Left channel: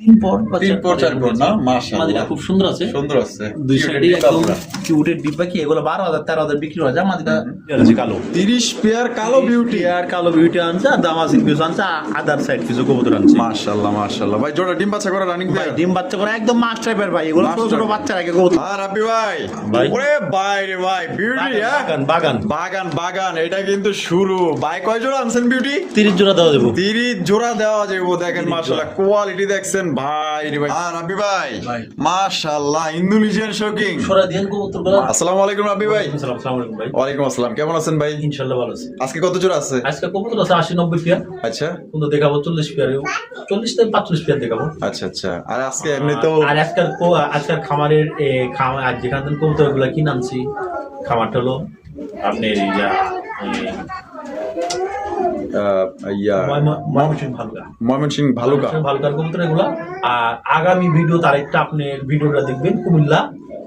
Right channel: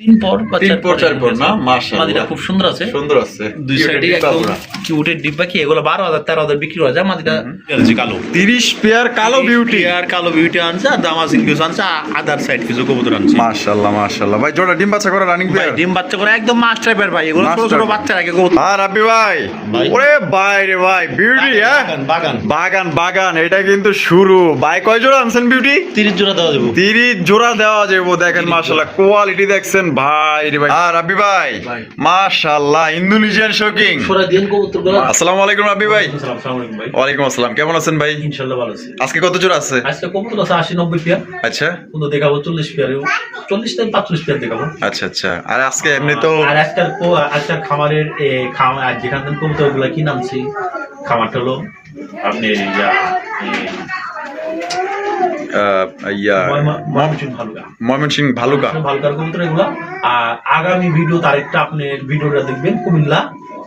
তিন পর বা তিন চার পর পর চার পর এরকম না, আছে। মাশাআল্লাহ। মাদিটা খুব সুন্দর আছে, সুন্দর আছে। দুই সাইডে একদম কিউটের ডিব্বা কি এগুলো 12,000 13,000 বিক্রি হয়ে যায়। মাদিটা গেছে কালো 30 পেয়ার কালো বিউটি। আর কালো বিউটি আনছে, আর দামাসিন কিছু আনছে, আদার সাইড কিছু কবুতর আনছে। মাশাআল্লাহ মাশাআল্লাহ ভাই, জোড়া ডিম বাচ্চা করা রানিং ভাই পেয়ার। ডিম বাচ্চা করে একদম মাস্টার পেয়ার ভাই, এগুলো ছোট ছোট Master বাচ্চার আগে কবুতর। আর রাব্বি ভাই, ভাই। ওরে ভাই রে ভাই, বিউটি হ্যাঁ, বাগান বাগান বাগান, এটা কিন্তু শুরু। ভাই কয় জোড়া আনছেন বিউটি? 30 জোড়া দেওয়া দেবো। 30 জোড়া দেওয়া যাবে, দেখেন মাশাআল্লাহ কোয়ালিটি দেখছেন ভাই রে ভাই। আর রাব্বি ভাই মাশাআল্লাহ, ইন্দোনেশিয়ান শোকিং। সরা দিন কবুতরগুলো। আসসালামু আলাইকুম রাব্বি ভাই। আসসালামু আলাইকুম ভাই। ওয়ালাইকুম আসসালাম, কেমন আছেন ভাই? ইনশাআল্লাহ ভালো আছি। আজকে কত জোড়া আছে? আজকে কবুতর আছে 80-90 পেয়ার, আচ্ছা কিন্তু দেখাবো 40 পেয়ার, 40 থেকে 45 পেয়ার দেখাবো। আচ্ছা আচ্ছা। আর আজকে এমনি তো আর আজকের খামারের আর যেখান থেকে কবুতরগুলো কি নামছি, খামারটা হলো আপনি ময়মনসিংহ ভালুকা। ভালুকার কবুতর এগুলা। আর আগামী ভিডিও আরেকটা আপনি ভিডিওটা দেখবেন কুমিল্লা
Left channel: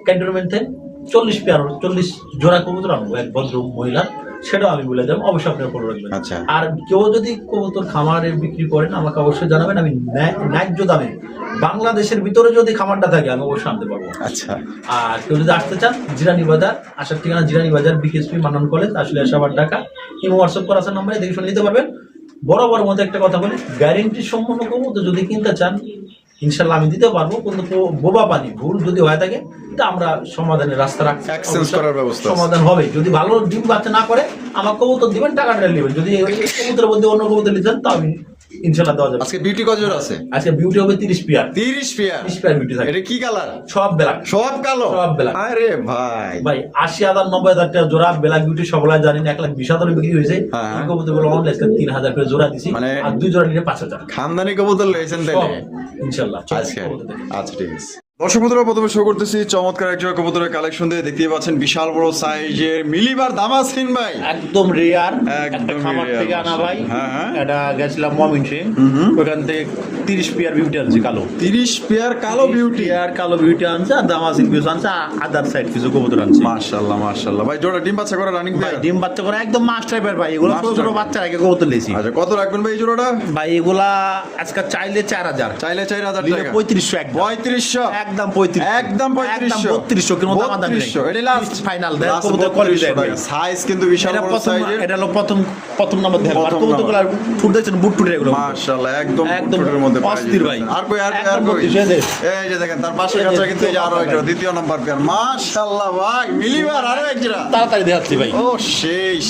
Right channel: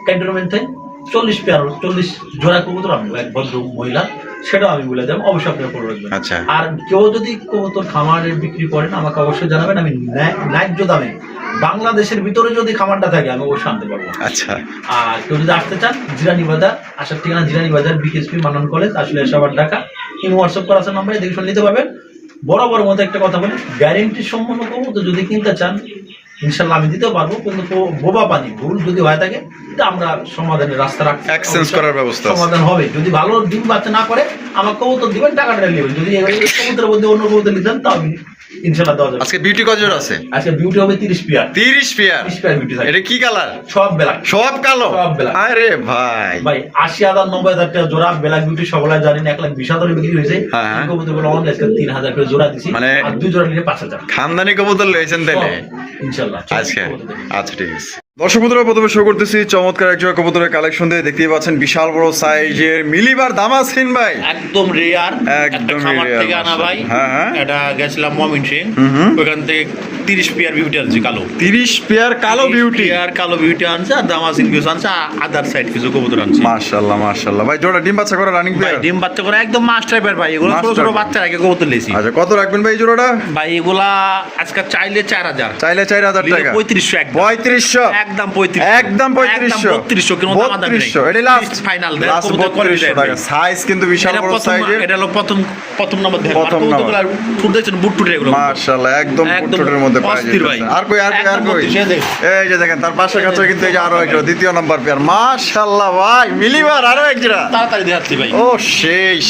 ক্যান্টনমেন্ট থেকে 40 পেয়ার 40 জোড়া কবুতর আনবো, এক ভদ্র মহিলা, সেটাও আমি বলে দেবো, অবশ্যই আপনারা ফলো রাখবেন। আচ্ছা। আর কেউ যদি কবুতর খামারে বিক্রি করেন আমাকে অবশ্যই জানাবেন, আমি ন্যায্য দামে বাংলাদেশের ভিতরে যদি খামারটা থাকে আমি অবশ্যই আনতে পারবো। আচ্ছা। আর কেউ যদি আসতে চান জিরানি বাজার, আসার ঠিকানা জিরানি বাজার, বিকেএসপি মান্নান কলেজ, আসলে আসাবার ঢাকা। ইমো হোয়াটসঅ্যাপ করা আছে নাম্বারে, দেখে শুনে নিতে পারবেন। বরাবর মতো একটা কথা বলি, গ্যারেন্টি সম্পন্ন কবুতর যদি কিনতে চান ইনশাল্লাহ আমি দিতে পারবো, কিন্তু বোবা পানি ভুল যদি হয়ে থাকে তা আমরা সমাধানের রাস্তা রাখছি, এক্সচেঞ্জ করার ব্যবস্থা আছে। সমাধান হবে। যদি ভালো ডিম বাচ্চা না করে আমার কবুতর দিবেন, টাকাটা নেবেন। যদি এই কবুতরের মধ্যে অন্য কবুতর নিতেন তাও আমি ইনশাল্লাহ দেওয়া যাবে। আজকে বিউটি কত জোড়া আছে? আজকে বিউটি হবে 30 পেয়ার। 30 পেয়ার 30 পেয়ার বিউটি থাকে। এটা কি কালার? সব ব্ল্যাক। সব কালো? সব ব্ল্যাক। আরে ভাই ভাই 80,000 90,000 টাকা জোড়া ব্ল্যাক বিউটি সকলে জানেন, 1,20,000 বিক্রি হয়েছে। হ্যাঁ। কবুতরগুলো অনলাইন 3,000 করে জোড়া দিছি, মানে আর 2 জোড়া নিলে 5,000 খানদানি কবুতর লইছেন তাইলে ইনশাআল্লাহ। আজকে। আচ্ছা ঠিক আছে। দর্শক বন্ধুরা, প্রথমে শো করতেছি চমৎকার এক জোড়া কবুতরের কালেকশন দিয়ে। দেখতেই পাচ্ছেন বিশাল বড় সাইজের মিলিবার দামাসিন ভাই, একদম রেয়ার, একটা একদমই খামার rare, থেকে আনা ভাই। হ্যাঁ, হ্যাঁ। এটা গেছিলাম ময়মনসিংহ, ওখান থেকে 30 পেয়ার বিউটি আনছি কালো। 30 পেয়ার কালো বিউটি। আর কালো বিউটি আনছে, আর দামাসিন কিছু আনছে, আদার সাইড কিছু কবুতর আনছে। মাশাআল্লাহ মাশাআল্লাহ ভাই, জোড়া ডিম বাচ্চা করা রানিং ভাই পেয়ার। ডিম বাচ্চা করে একদম মাস্টার পেয়ার ভাই, এগুলো ছোট ছোট Master। বাচ্চার আগে কবুতর লেছি। আচ্ছা, কত রাখবেন ভাই এই জোড়াটা? ভাই এগুলা আজকে চাইলে 4,000, চাইলে 4,000 টাকা। 3500 একদম। 3500 একদম 3500, একদম 3500 3200, কোনো দামাদামি নেই। 3200 এটা লাস্ট ফাইনাল লাস্ট 3200 টাকা। সাইজ কিন্তু বিশাল বড় সাইজের। এটা হলো প্রথম নাম্বার দেখেন, প্রথম কবুতরগুলো ফুট দেখছেন, বুট টুটে এগুলো মাশাআল্লাহ একদম একদম ফুটের মধ্যে পাওয়া অস্থির ভাই। যাচ্ছে। আর কই একদম 32 এই যে দেখেন তার পাশে কাছে কিন্তু এই যে আরো একটা দ্বিতীয় নাম্বার পেয়ার। মাশাআল্লাহ ভাই, মিলিবার আরো এক জোড়া। তাড়াতাড়ি দেখাচ্ছি ভাই। ও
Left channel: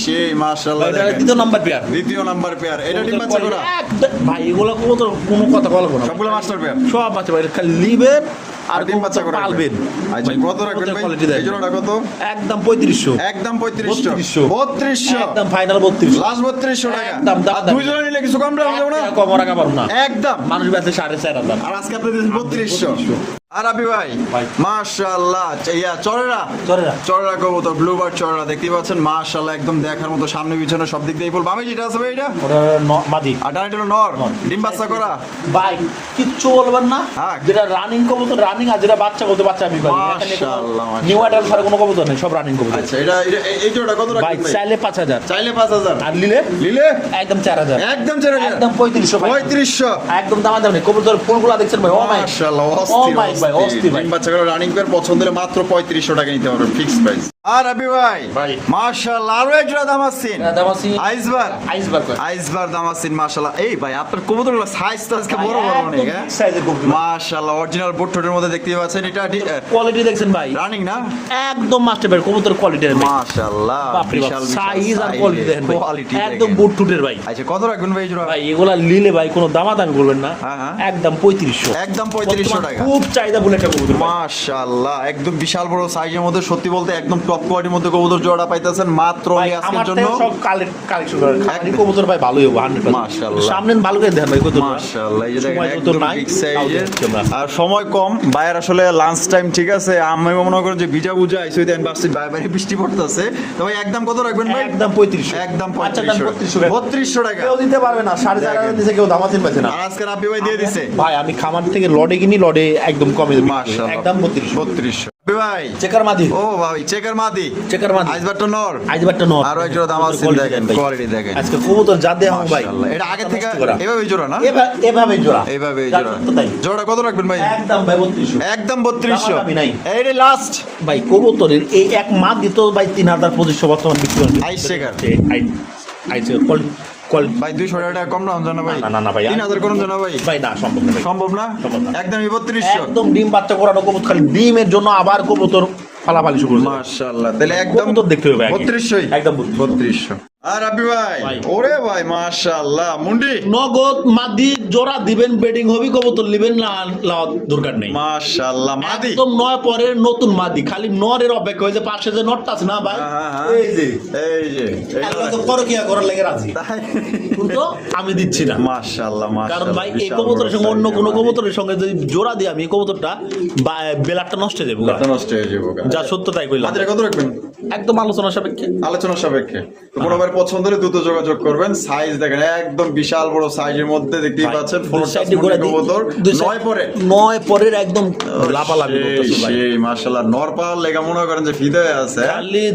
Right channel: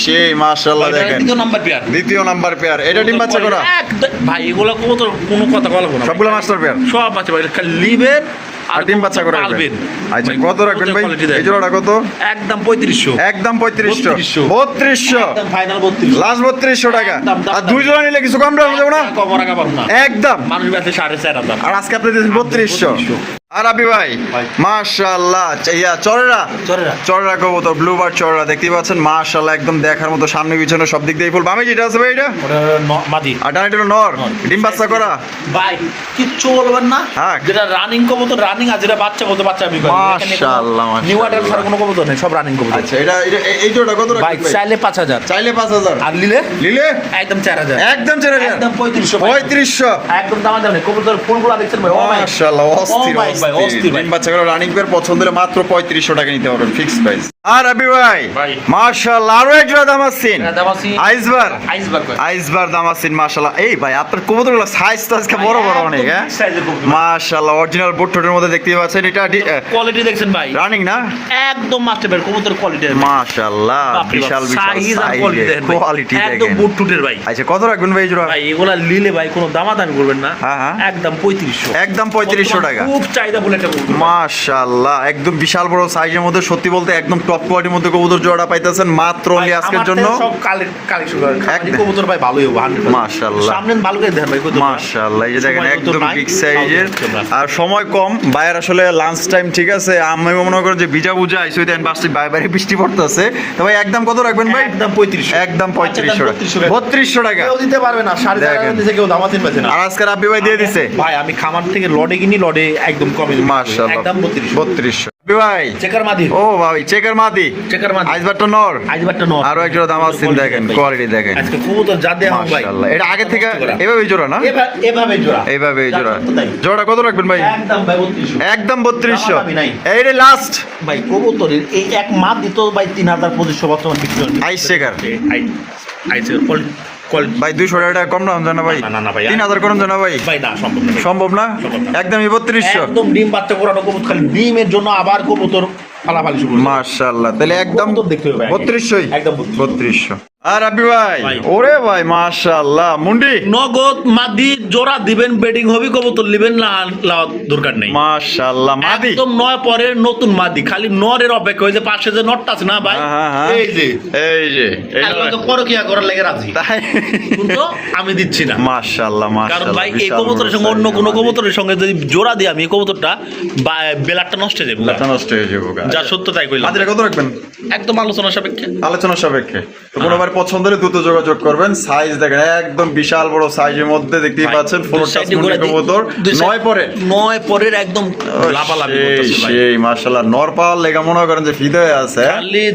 সেই মাশাআল্লাহ দেখেন দ্বিতীয় নাম্বার পেয়ার। দ্বিতীয় নাম্বার পেয়ার। এটা ডিম বাচ্চা করা ভাই এগুলো কবুতর কোনো কথা বলবো না, সবগুলো মাস্টার পেয়ার। সব বাচ্চা ভাই, লিবেন আর ডিম বাচ্চা করা পালবেন। আচ্ছা, কত রাখবেন ভাই এই জোড়াটা? কত? একদম 3500, একদম 3500 3200, 3200 একদম ফাইনাল 3200, লাস্ট 3200 টাকা। একদম দাম। আর দুই জোড়া নিলে কিছু কম রাখা যাবে না? কম রাখা পারবো না, একদম। মানুষ কাছে 4,500। আর আজকে আপনি দিয়েছেন 3200। আর আবি ভাই মাশাআল্লাহ, চড়রা কবুতর, ব্লুবার্ড চড়রা দেখতেই পাচ্ছেন মাশাআল্লাহ, একদম দেখার মতো, সামনে পিছনে সব দিক দিয়ে ফুল। বামে যেটা আছে ভাই এটা ওটা মাদি, আর ডানে এটা নর, ডিম বাচ্চা করা ভাই কিচ্ছু বলবেন না। হ্যাঁ। যেটা রানিং কবুতর রানিং, আর যেটা বাচ্চা কবুতর বাচ্চা আমি করি। মাশাআল্লাহ, নিউ অ্যাডাল্ট ছাড়া কোনো কবুতর নেই, সব রানিং কবুতর। আচ্ছা, এই জোড়া কত ভাই রাখবেন ভাই? চাইলে 5,000, চাইলে 5000, আর নিলে নিলে একদম 4,000, একদম 4000, একদম 3500, 3500। একদম দাম নেই। কবুতর ফুলগুলো দেখছেন ভাই, ও ভাই মাশাআল্লাহ অস্থির ও ভাই, অস্থির ভাই। ডিম বাচ্চা করা রানিং পেয়ার পছন্দ হলে মাত্র 3500 টাকা নিতে পারবেন, ফিক্সড প্রাইস। আর আবি ভাই ভাই। মাশাআল্লাহ আরো এক জোড়া দামাসিন, দামাসিন আইসবার আইসবার্গ। আইসবার দামাসিন মাশাআল্লাহ। এই ভাই আপনার কবুতরগুলো সাইজ তো আজকে বড় বড় অনেক। হ্যাঁ সাইজের কবুতর, মাশাআল্লাহ অরিজিনাল বুটঠোঁটের মধ্যে দেখতে পাচ্ছেন। এটা কোয়ালিটি দেখছেন ভাই, রানিং না? একদম মাস্টার ভাই, কবুতর কোয়ালিটি মাশাআল্লাহ বিশাল বিশাল সাইজ আর কোয়ালিটি দেখেন ভাই, কোয়ালিটি একদম বুট টুটের ভাই। আচ্ছা, কত রাখবেন ভাই এই জোড়া? ভাই এগুলা নিলে ভাই কোনো দামাদামি করবেন না, হ্যাঁ, হ্যাঁ। একদম 3500, একদম 3500 টাকা। খুব চাহিদা বলে একটা কবুতর। মাশাআল্লাহ একদম বিশাল বড় সাইজের মধ্যে, সত্যি বলতে একদম টপ কোয়ালিটির মধ্যে কবুতর জোড়া পাইতেছেন মাত্র ভাই, আজকের আমার জন্য। থেকে সব কালেকশন করেন একদম। কবুতর ভাই, ভালোই হবে 100%। মাশাআল্লাহ। সামনে ভালো করে দেন ভাই কবুতর। মাশাআল্লাহ এই যে দেখেন সময় মতো একদম নাই, বিগ সাইজের, তাও দেখতে আর সময় কম। বাইরে আসলে লাঞ্চ টাইম, ঠিক আছে, আমি মনে করি যে ভিজা বুঝা আইসো দেন, বাসে বাইরে বৃষ্টি পড়তেছে। তো ভাই একদম কত রাখবেন ভাই? একদম 3500, একদম আচ্ছা, দাম 3500 3200 টাকা। কেউ দিতে পারবে না, 4,500 দিছে কেউ দামাতিন পাচ্ছে না। আর আজকে রাব্বি ভাই দিয়ে দিছে ভাই আমি খামার থেকে লডে কিনি, লডে একদম কমে দিই, মাশাআল্লাহ একদম 3200। 3200 ভাই চেকার মাদি, ও ভাই চেকার মাদি, চেকার মাদি, আইসবারটা নর, আইজবারটা নর। আরো এক জোড়া দাম আছে দেখেন, কোয়ালিটি দেখেন আজকে কবুতর যা দেয়া ভাই মাশাআল্লাহ। এটা আগে থেকে এভাবে জোড়া না, এভাবে জোড়া, এইভাবে জোড়া। জোড়া কত রাখবেন ভাই? একদম ভাই 3200, একদম 3200। আমি নাই এইটা লাস্ট ভাই কবুতরের এই এক মাদ দিত ভাই 3200 বর্তমান বিক্রি হচ্ছে। আইস চেকার আইছে কোয়ালিটি ভাই 200 টাকা কম না জানা ভাই, না, না ভাই। 3000 করুন জানা ভাই, ভাই না সম্ভব না ভাই। সম্ভব না, সম্ভব না। একদমই 3200। একদম ডিম বাচ্চা করানো কবুতর, খালি ডিমের জন্য আবার কবুতর ফালাফালি শুরু করছে। মাশাআল্লাহ, তাহলে একদম কবুতর দেখতে হবে আগে। 3200 একদম 3200। আর রাব্বি ভাই ভাই। ওরে ভাই মাশাআল্লাহ, মুন্ডি নগদ মাদি জোড়া দিবেন, বেডিং হবি, কবুতর নিবেন না লাওয়ার দরকার নেই। মাশাআল্লাহ মাদি, একদম নয় পরে নতুন মাদি, খালি নরের অপেক্ষা। ওই যে পাশে যে নটটা আছে না ভাই, হ্যাঁ, হ্যাঁ। এই যে এই যে একদম তো করকিয়া করার লেগে রাজি, তাই কিন্তু আমি দিচ্ছি না। মাশাআল্লাহ কারণ মাশাআল্লাহ, ভাই এই কবুতরের সঙ্গে অন্য কোনো কবুতরের সঙ্গে যদি জোড়া দিই আমি, এই কবুতরটা বেলারটা নষ্ট হয়ে যাবে। নষ্ট হয়ে যাবে। যা সত্য তাই কইলাম। মাদিরা কত রাখবেন? একদম আলোচনা সাপেক্ষে। আলোচনা সাপেক্ষে। কোনো আমার পছন্দ হলে দ্রুত যোগাযোগ করবেন। সাইজ দেখেন একদম বিশাল বড় সাইজের মধ্যে দেখতেই ভাই, পাচ্ছেন। দুই ফুল সাইডে ঘোরা দিই, কবুতর দুই সাইড- 9 পরে, 9 পরের একদম লাপালাপি করতেছে ভাই। সেই মাশাআল্লাহ, নর পাওয়ার লেগা মনে করেন যে ফিদে হয়ে আছে। খালি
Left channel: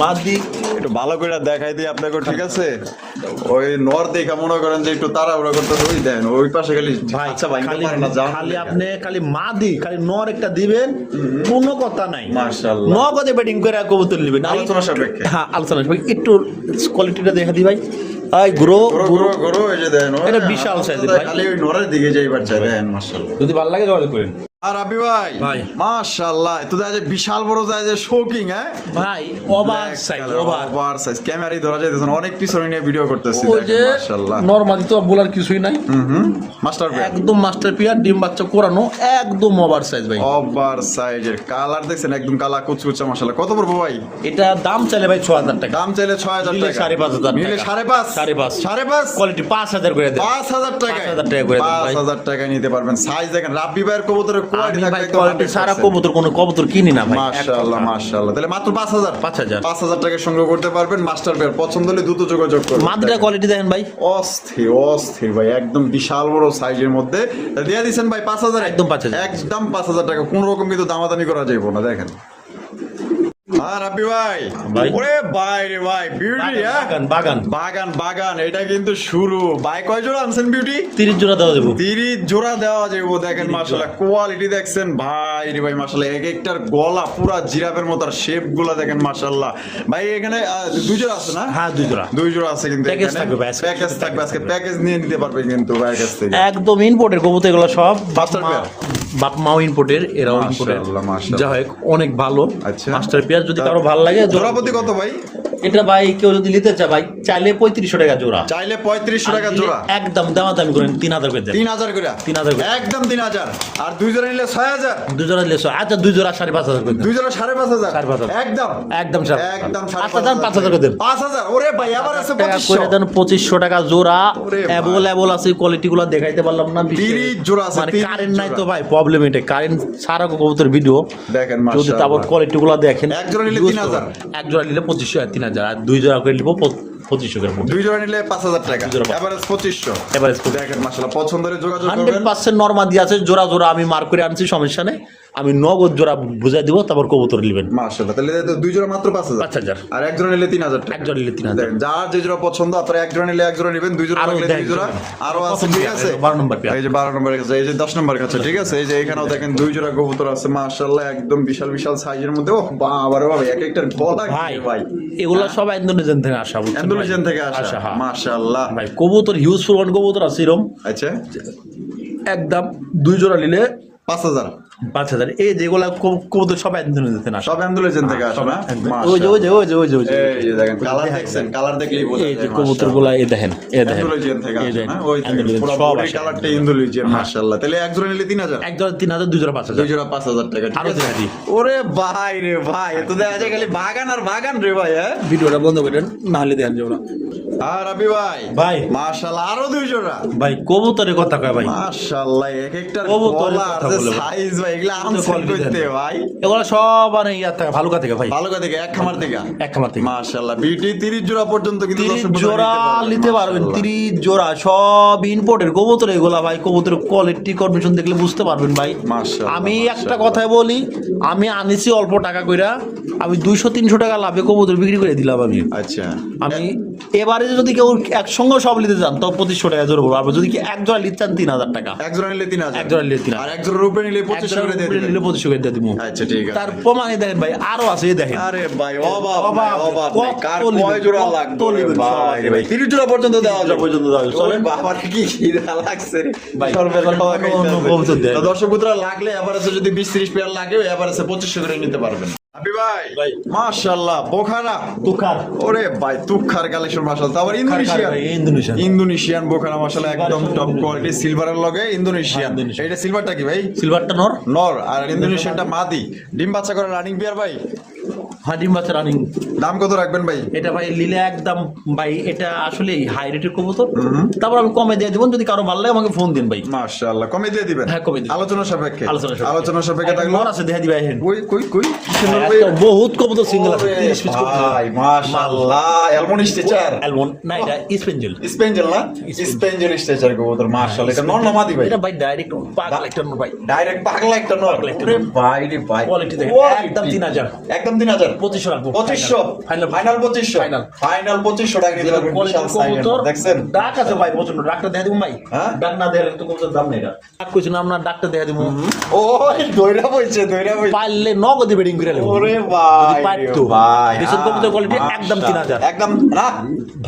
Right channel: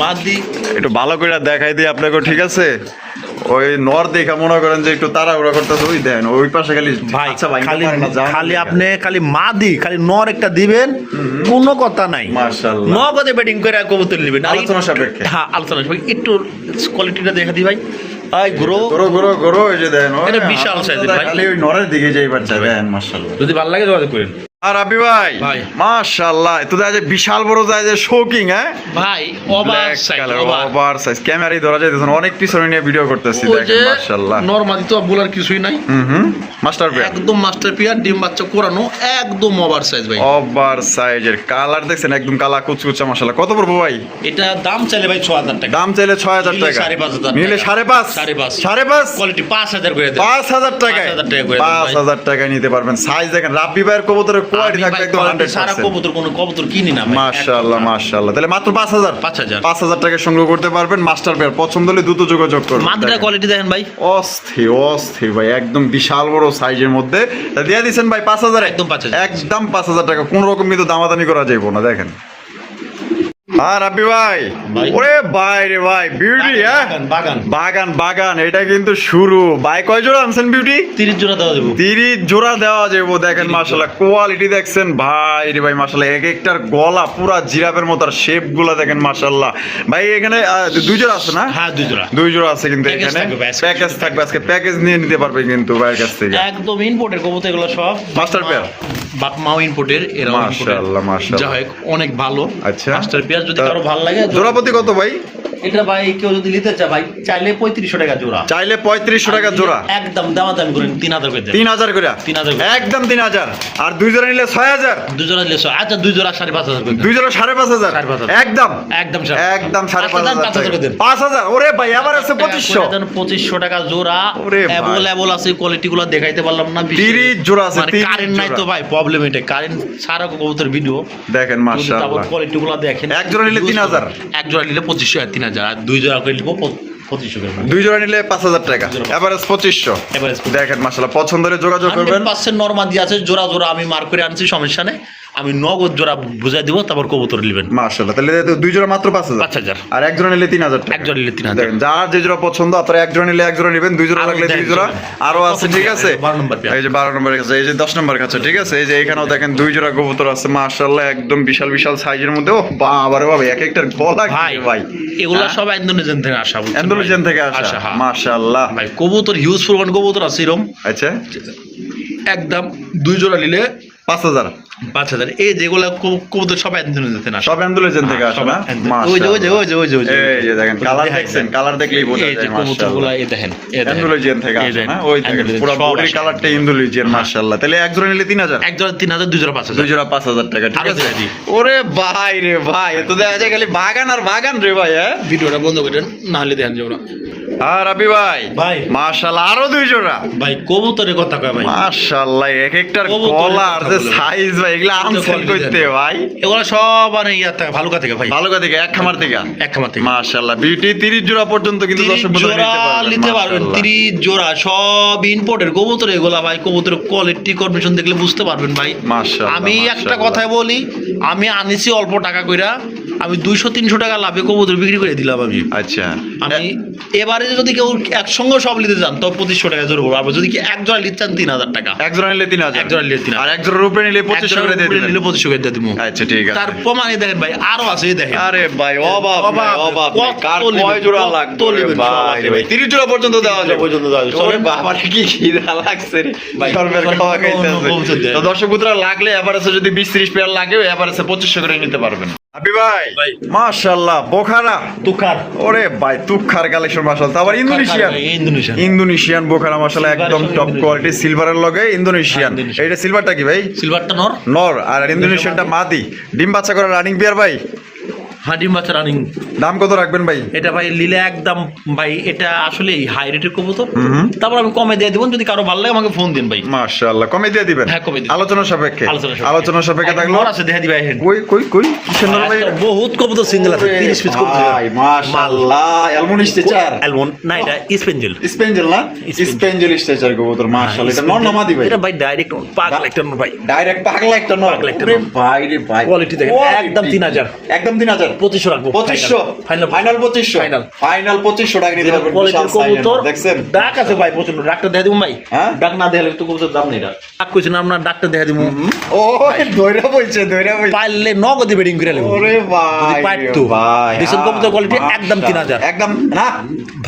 মাদি একটু ভালো করে দেখাই দিই আপনাকে, ঠিক আছে? ওই নর দেখা মনে করেন যে একটু তাড়াহুড়া করতেছে, ওই দেন ওই পাশে খালি ভাই, আচ্ছা ভাই, খালি পারে না, জান খালি দিকে। আপনি খালি মাদি, খালি নর একটা দিবেন, কোনো কথা নাই। মাশাআল্লাহ। নগদে ব্যাটিং করে কবুতর নেবেন। আর আলোচনা সাপেক্ষে। হ্যাঁ, আলোচনা সাপেক্ষে। একটু কোয়ালিটিটা দেখা দিই ভাই। এই গ্রো গরো গরো গরো, এই যে দেন এটা বিশাল size এর ভাই। খালি ওই নরের দিকে যাইবার চাই দেন মাশাআল্লাহ। যদি ভালো লাগে যোগাযোগ করেন আর রাব্বি ভাই ভাই। মাশাআল্লাহ, তো দেখা যায় বিশাল বড় যায় যে শোকিং, হ্যাঁ ভাই। Over size, over. Over size, ক্যামেরায় ধরা যাইতেছে না, অনেক পিছনে নিয়ে ভিডিও করতেছি ওই যে দেখেন মাশাআল্লাহ। নরমালি তো বলার কিছুই নাই, মাস্টার পেয়ার, একদম মাস্টার পিয়ার, ডিম বাচ্চা করানো, একদম ওভার সাইজ ভাই। ওভার সাইজের, কালার দেখছেন একদম কালা কুচকুচা মাশাআল্লাহ। কত পড়বো ভাই? এটা দাম চাইলে ভাই 6000 টাকা, দাম চাইলে 6000 নিলে টাকা, 5,500 নিলে টাকা। 5,500 5,500 5,500 কোয়ালিটি 5000 করে দেন। 5,000 টাকায় 5,000 টাকা করে দেন ভাই। 5,000 টাকায় নিতে পারবেন। সাইজ দেখেন, রাব্বি ভাইয়ের কবুতরের কোয়ালিটি আমি থাকবে ভাই একদম কোয়ালিটি সারা 100%। কবুতর, কোনো কবুতর কিনি না ভাই। মাশাআল্লাহ মাশাআল্লাহ, তাহলে মাত্র 5,000 5,000 টাকা সংগ্রহ করতে পারবেন। মাস্টার পেয়ার পছন্দ হলে দ্রুত যোগাযোগ করুন। মাদিটা কোয়ালিটি দেখেন ভাই, অস্থির অস্থির ভাই, একদম বিশাল বড় সাইজের মধ্যে। তা দিয়ে দিচ্ছেন ভাই 5,000, একদম 5,000, একদম 5,000 টাকা, কোন রকম কিন্তু দামাদামি করা যাইব না। দেখেন আর রাব্বি ভাই, ভাই। ওরে ভাই রে ভাই, বিউটি, হ্যাঁ বাগান বাগান বাগান, এটা কিন্তু শুরু। ভাই কয় জোড়া আনছেন বিউটি? 30 জোড়া দেওয়া দেবো। 30 জোড়া দেওয়া যাবো। দেখেন 30 মাশাআল্লাহ, কোয়ালিটি দেখছেন ভাই রে ভাই মাশাআল্লাহ, এক একটার গলা পুরা জিরাফের মতো, আর শেপ গুলা দেখেন মাশাআল্লাহ। ভাই এখানে 2 জোড়া আছে না? হ্যাঁ 2 জোড়া 2 জোড়া আছে কিন্তু Package এখানে থাকবে ভাই, আজকে। প্যাকেজ থাকবে, আজকে প্যাকেজ নিয়ে নিতে পারবে কিন্তু ভাইয়ের কাছ থেকে। একদম ইম্পোর্টের কবুতর এগুলো সব। মাস্টার পেয়ার, বাপ মাও ইম্পোর্টের, এরাও ইম্পোর্টের। মাশাআল্লাহ মাশাআল্লাহ। যা হোক অনেক ভালো। আচ্ছা। মাস্টার পিয়ার যদি কারো ভালো লাগে, জোড়াপতি কত ভাই? এটা ভাই কেউ যদি নিতে চায় ভাই, চাইলে 3500 টাকা জোড়া, চাইলে 3500 টাকা জোড়া, একদম দামাদামি করেন 3000 করে দেন। 3000 করে, 3000 করে। একদম 3000। আর 2 জোড়া নিলে 6000, 2 জোড়া নিলে আচ্ছা 2 জোড়া 5,500 করে দেন। 2 জোড়া 5,500, 5,500 একদম একদম একদম 5,000 করে দেন। 5000। ওরে ভাই আবার আছে 2500, 2500 টাকা জোড়া। ওরে ভাই। অ্যাভেলেবল আছে, কোয়ালিটি গুলো দেখাইতে পারলাম না। 30 জোড়া আছে, 30 কারেন্ট নাই জোড়া। তো ভাই, প্রবলেম এটা। কারেন্ট ছাড়া কবুতর ভিডিও দেখেন যদি মাশাআল্লাহ। তারপর কোয়ালিটি গুলো দেখেন। এক জোড়া নিলে 3000, এক জোড়া নিলে 2500 আর 3000, আর 2 জোড়া করে নিব 2500 করে। 2 জোড়া নিলে 5000 টাকা, জোড়া। এভারেজ 2500। Average 2500 দেখেন মাশাআল্লাহ, পছন্দ হলে যোগাযোগ করবেন। 100% নরমাল দিয়ে আছে, জোড়া জোড়া আমি মার্ক করে আনছি, সমস্যা নেই। আমি নগদ জোড়া বুঝাই দিব, তারপর কবুতর নেবেন। মাশাআল্লাহ, তাহলে 2 জোড়া মাত্র 5000, 5000 আর এক জোড়া নিলে 3000 টাকা। এক জোড়া নিলে 3000। দেখেন যার যে জোড়া পছন্দ, আপনারা এক জোড়া নিলে এক জোড়া নেবেন, 2 জোড়া আরো লাগলে 2 দেখেন, জোড়া চলেন। আরো আছে, ঠিক আছে? 12 নম্বর পেয়ার। এই যে 12 নম্বরের কাছে, এই যে 10 নম্বর কাছে, ঠিক আছে? এই যে এখানেও দেখেন 2 জোড়া কবুতর আছে মাশাআল্লাহ, একদম বিশাল বিশাল সাইজের মধ্যে। ও বাবা রে বাবা, এক একটার গলা কি ভাই রে ভাই, এগুলা সব ইন্দোনেশিয়ান থেকে আসা, বুঝছেন ভাই? ইন্দোনেশিয়ান থেকে আসা হ্যাঁ। মাশাআল্লাহ। ভাই কবুতর হিউজ পরিমাণ কবুতর আছে এরকম। আচ্ছা, একদম 2 জোড়া নিলে 5000, 5000। এই যেগুলা কবুতর সব ইন্দোনেশিয়ান থেকে আসা। সব ইন্দোনেশিয়ান থেকে আসা না? ওই যে ওই যে ওই যে ওই যে ওই যে এই যে দেখেন কালার দেখছেন, কালার দেখলেই বোঝা এই যে যায় কবুতরগুলা এই দেখেন, এই দেখেন। ইন্দোনেশিয়ান থেকে এই আসে দেখেন, না? ওই দেখেন ইন্দোনেশিয়ান পুরো সব বডির আসে। কালারটা ইন্দোনেশিয়ান মাশাআল্লাহ। তাহলে এক জোড়া নিলে 3000, এক জোড়া 3000, 2 জোড়া 5000। 2 জোড়া 5000 টাকা, ঠিক আরো আছে? দিয়ে দিই। ওরে ভাই রে ভাই, এ তো দেখা যায় খালি বাগান আর বাগান রে ভাই, হ্যাঁ? ভিডিওটা বন্ধ করেন, না হলে দেখেন যে ওরা। আর রাবি ভাই, ভাই। মাশাআল্লাহ, আরো 2 জোড়া। ভাই কবুতরের কথা কয় ভাই, মাশাআল্লাহ, এক একটার কবুতরের গলা আর কথা যে সাইজ ভাই এগুলা আনছেন করতে ভাই, এগুলো সব মানে ইয়ার থেকে ভালুকা থেকে ভাই, ভালো কথা এক খামার থেকে, এক খামার থেকে। মাশাআল্লাহ বিউটি 30 জোড়া পর্যন্ত কিন্তু 30 জোড়া নিতে পারবেন, 30 জোড়া সব ইম্পোর্টের কবুতর এগুলা ভাই। কবুতরের কোয়ালিটি কন্ডিশন দেখলে বুঝতে পারবেন ভাই। মাশাআল্লাহ, আমি একটা কথাই বলি, আমি আনিছি অল্প টাকা কইরা, আমি 200-300 টাকা লাভে কবুতর বিক্রি করে দিলাম আমি। আচ্ছা আমি এবারে যদি কেউ একসঙ্গে সব নিতে চান তো 2500 টাকা জোর করবো, আর যদি কি এক জোড়া নিতে চান 3000 টাকা, এক জোড়া নিলে 3000, এক জোড়া নিলে 3000, আর এক জোড়ার উপরে নিলে 2500 করে দিয়ে দিবেন। নিলে 2500 করে দিয়ে দিব। আচ্ছা ঠিক আছে। তার প্রমাণে দেখেন ভাই আরো আছে, এই দেখেন। আরে ভাই অবাক অবাক, অবাক কত কার নেবেন, কয় জোড়া কত লাগবে নেবেন, ভাই সব আছে রে ভাই, ভাই। 30 জোড়া পর্যন্ত দেওয়া যাবে, পর্যন্ত দেওয়া যাবে। ওরে বাবা কি খিদা লাগছে রে ভাই, সর্বের খাওয়া অন্য কবুতর খাইতে দেয়। তো দর্শক বন্ধুরা লাগলে এভারেজে যদি 20-30 পেয়ার লাগে এভারেজে 2500 করে নিতে পারবেন। হাবি ভাই ভাই। মাশাআল্লাহ বোখারা তুকার ওরে ভাই তুখার কালেকশন মাশাআল্লাহ, আবার ইন্দোনেশিয়ান, ইন্দোনেশিয়ান ইন্দোনেশিয়ান বোখারা মাশাআল্লাহ একদম Silver টপ Indonesian। কোয়ালিটি, সিলভারের লগে ইন্দোনেশিয়ান। হ্যাঁ, Indonesian। এটা সিলভারটা কি ভাই? সিলভারটা নর, নর, আর ইন্দোনেশিয়ানটা মাদি। ডিম বাচ্চা করা রানিং পেয়ার ভাই, হাডিম বাচ্চা রানিং। দাম কত রাখবেন ভাই? এটা ভাই লিলে একদম ভাই, এটা আসলে হাই রেটের কবুতর, তারপর আমি কমে দিয়ে দেবো, যদি কারো ভালো লাগে আমাকে ফোন দিন ভাই। মাশাআল্লাহ কমে দিয়ে দিবেন? হ্যাঁ, কমে দিন। আলোচনা সাপেক্ষে, আলোচনা সাপেক্ষে। আলোচনা সাপেক্ষে থাকলো। নর আছে দেখা দিবা এখন। কই কই কই কিসের নর ভাই? বহুত কবুতর সিঙ্গেল আছে, 30 পিস কবুতর। ভাই মাশাআল্লাহ অ্যালমন্ড স্টেচার, অ্যালমন্ড না, এটা স্পেঞ্জেল। স্পেঞ্জেল না, স্পেঞ্জেল স্টেচার কবুতর মাশাআল্লাহ। এটা নর না মাদি ভাই? এটা ভাই ডাইরেক্ট পাগল একটা নর ভাই, ডাইরেক্ট পাগলা একটা নর। পাগলা একটা ওরে নর। ভাই রে ভাই কোয়ালিটি দেখেন, একদম 3000, একদম 3000, 2500 রাখবো। 2500 ফাইনাল ফাইনাল 2500, Final। ফাইনাল 2500 টাকা নিতে পারবেন। কোয়ালিটির কবুতর দেখছেন ডাক আছে ভাই প্রচন্ড। ডাকটা দেয়া দিব ভাই, হ্যাঁ? ডাক না দেয়ালে তো কবুতর দাম নেই। এটা ডাক কইছেন আপনার, ডাকটা দেয়া দিব। ও দইরা বইছে দইরা বইছে। পাইলে নগদে বেডিং করে নেব। ওরে যদি ভাই পাইতো ভাই দেখছেন কবুতর কোয়ালিটি একদম 3000 একদম না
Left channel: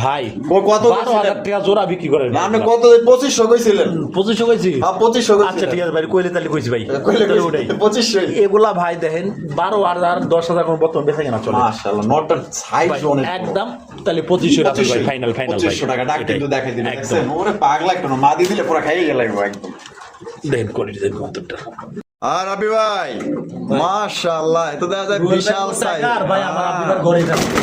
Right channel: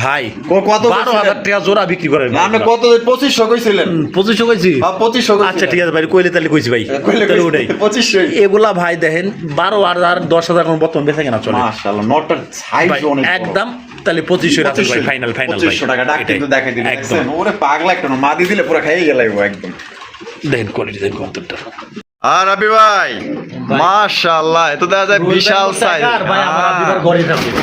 ভাই। কত 12000 টাকা জোড়া বিক্রি করেন না আপনি কত 2500 কইছিলেন? 2500 কইছি। 2500 কইছিলেন। আচ্ছা ঠিক আছে ভাই, কইলে তাহলে কইছি ভাই, কইলে তাহলে ওটাই 2500। এগুলা ভাই দেখেন 12000 10000 কোন বর্তমান বেচা কেনা চলে মাশাআল্লাহ নটটার সাইজ ভাই, অনেক একদম তাহলে 2500 রাখো ভাই, ফাইনাল ফাইনাল ভাই। 2500 টাকা ডাক কিন্তু দেখাই দিলেন। একদম দেখছেন ওরে পাগলা একটা নর, মাদি দিলে পুরো খাইয়ে গেল একদম। দেখেন কোয়ালিটি দেখেন কতটা। আর আবি ভাই মাশাআল্লাহ এত দেখা যায় বিশাল সাইজ,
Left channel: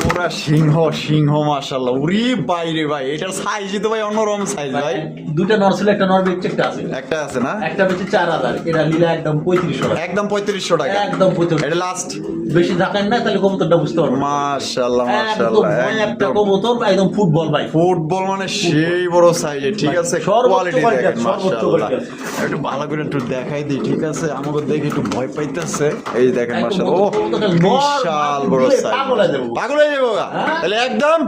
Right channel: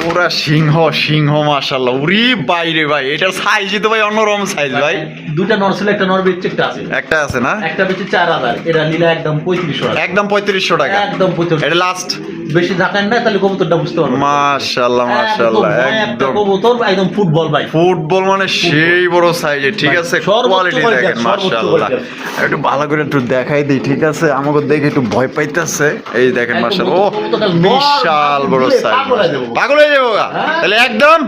পুরা সিংহ সিংহ মাশাআল্লাহ। উরি বাইরে ভাই এটার সাইজই তো ভাই অন্যরকম সাইজ ভাই। দুটা নর ছিল, একটা নর বেচে একটা আছে, একটা আছে না, একটা বেচে 4000, এটা নিলে একদম 3500 টাকা, একদম 3500 টাকা, একদম 3500। এটা লাস্ট। বেশি ঢাকায় না তাহলে কবুতরটা বুঝতে পারবেন। মাশাআল্লাহ মাশাআল্লাহ একটা একদম কবুতর একদম ফুটবল ভাই, ফুটবল মানে সেই বড় সাইজে, ঠিক আছে সর্বোচ্চ কোয়ালিটি quality, দেখেন সর্বোচ্চ মাশাআল্লাহ। quality। একটু ভালো করে একটু দেখাই দিই, ঠিক আছে আমাকে দেখে একটু ভয় পাইতেছে। এই দেখেন মাশাআল্লাহ ও বিশাল বড় সাইজ, পাগল হয়ে যাবো গা। তাহলে একদম